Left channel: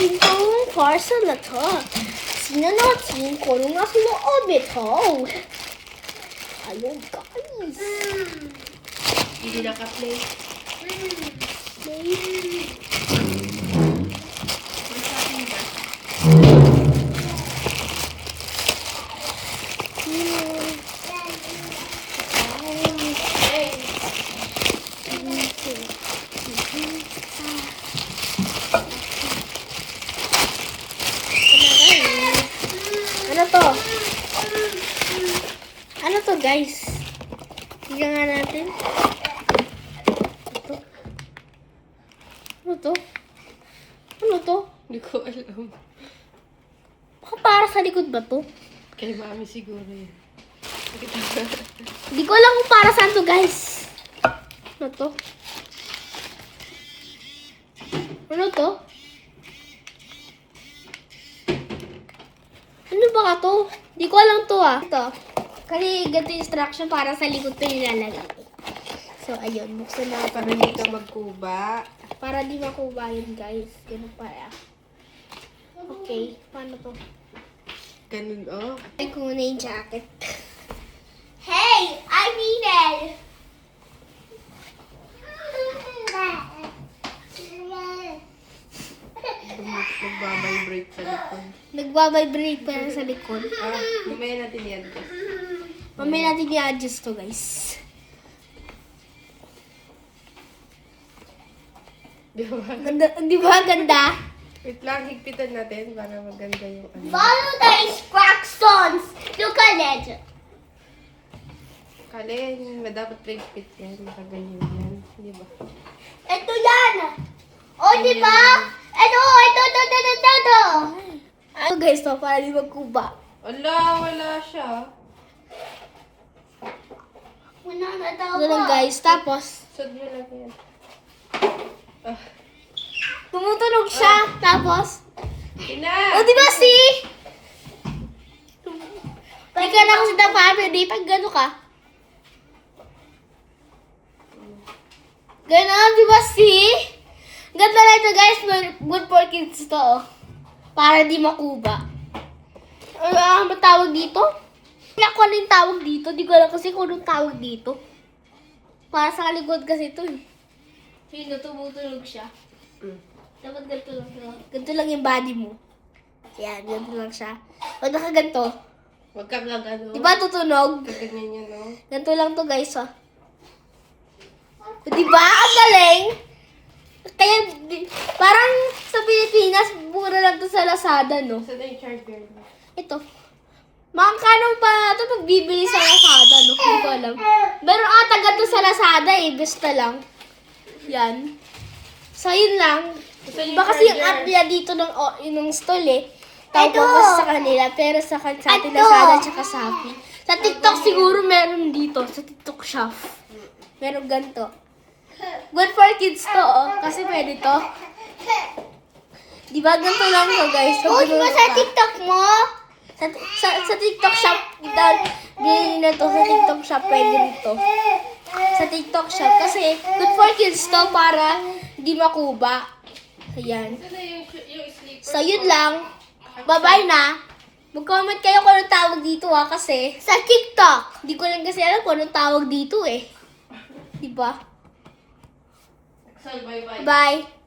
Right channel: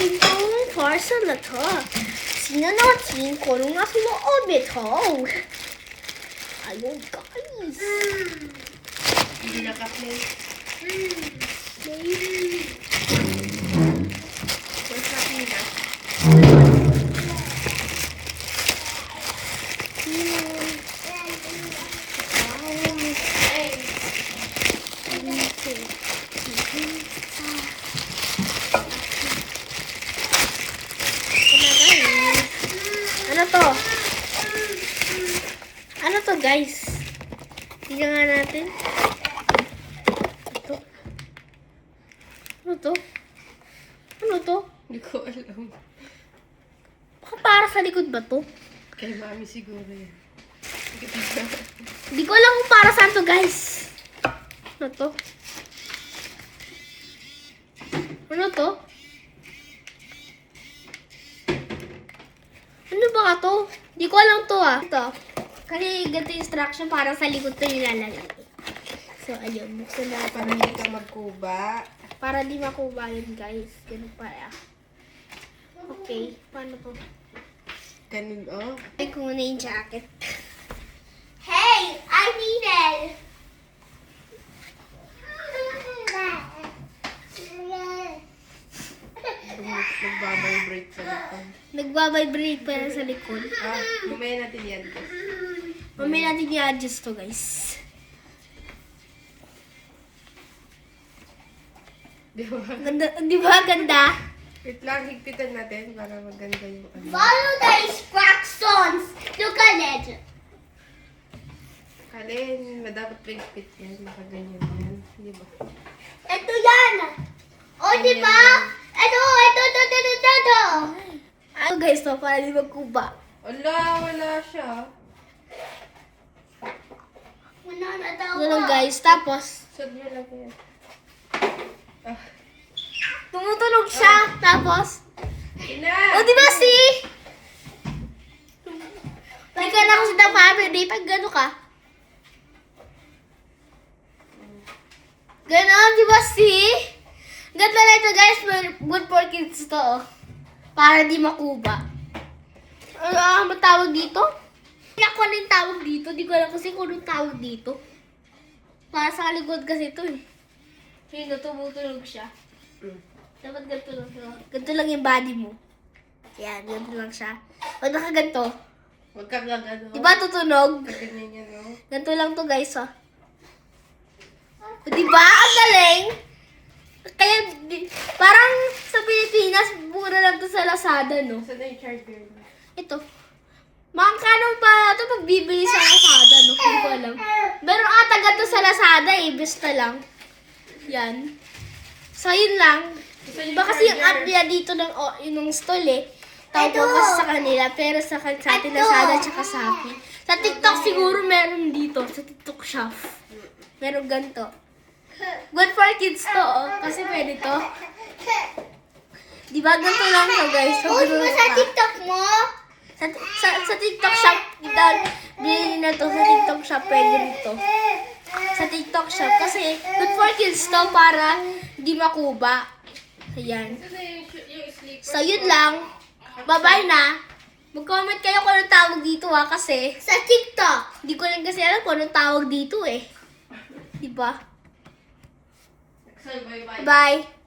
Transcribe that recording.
natin tong parcel na to. Tingnan natin kung ano nasa loob nito. Ayun, guys. Hindi naka-play. Ano to? Ano to, guys? Tingnan nga natin. Ito. Ano to? Ano to? Hindi ko alam. Baka para sa likod ba to? Kay mami siguro yan. Hindi ko alam kung para saan to, guys. Ano to? Ano to? Ano ba ka to? Hindi ko alam to, ah. Ito. Kasi ganito yung instruction para sa likod to nilalagay. So, ayun. Buksan na Para hindi ka magkuba. para di makuha yun, guys. Ganun pala. Okay. Paano to? Ganun, oh. Ay, kung muna yung jacket. Hey! I need it! Nagbabibrate sa likod. Nagbabibrate pa yan sa likod. Mamaya natin i-adjust. Mamaya natin i-adjust to, guys. Di ba? Ganda, di ba ganda? Wait lang, higpitan natin para maganda yung ano. Follow the instructions! Look at it! Kalin, dapat higpit yan. Nakaganyan yan. Di ba? Ito yan! O, di ba? Ito! Ano, guys, to? Para di magkuba. Wala siya. Ito lang, guys. Tapos, Sud mo lang yan. tumutunog siya. Tapos, Ina! o, di ba, see? Hindi ka na kasi ng family. Pag gano'n ka. Ganon, di ba, see? Ganito na ito, guys. Good for kids to, oh. Para di makuba. Ano tawag dito? Hindi ako ano yung tawag dito. Di ko alam kasi kung anong tawag dito. Para sa likod kasi ito, eh. Yun, tumutunog siya. Dapat ganito lang siya. Ganito lang yung body mo. Yan, ganito lang siya. Pag nakaganto, Huwag ka lang ano. di ba tutunog? Ganyan yan, no? Ganito lang to, guys, oh. Di ba? Ang galing! Kaya, parang sa Pilipinas, mura lang to sa Lazada, no? Saan na yung charger mo? Ito. Makakano pa ito pag bibili sa Lazada, no? Hindi ko alam. Meron ata ganito sa Lazada, eh. Basta lang. Yan. So, yun lang. Iba kasi yung app nila dito ng stall, eh. Tawag ko kasi sa kanila, pero sa ating Lazada at saka Shopee. Sa TikTok siguro meron dito, sa TikTok shop. Meron ganito. Good for kids to, oh. Kasi pwede to. Di ba ganito lang to, guys? So, di ba sa TikTok mo? Sa TikTok shop, bilhin na to sa TikTok shop, pwede rito. Sa TikTok shop. Kasi good for kids to para di makuba. Ayan. So, yun lang. Bye-bye na. Mag-comment kayo kung anong tawag dito, ha, kasi sa TikTok. Di ko lang kasi alam kung anong tawag dito, eh. Diba? Bye-bye. Bye.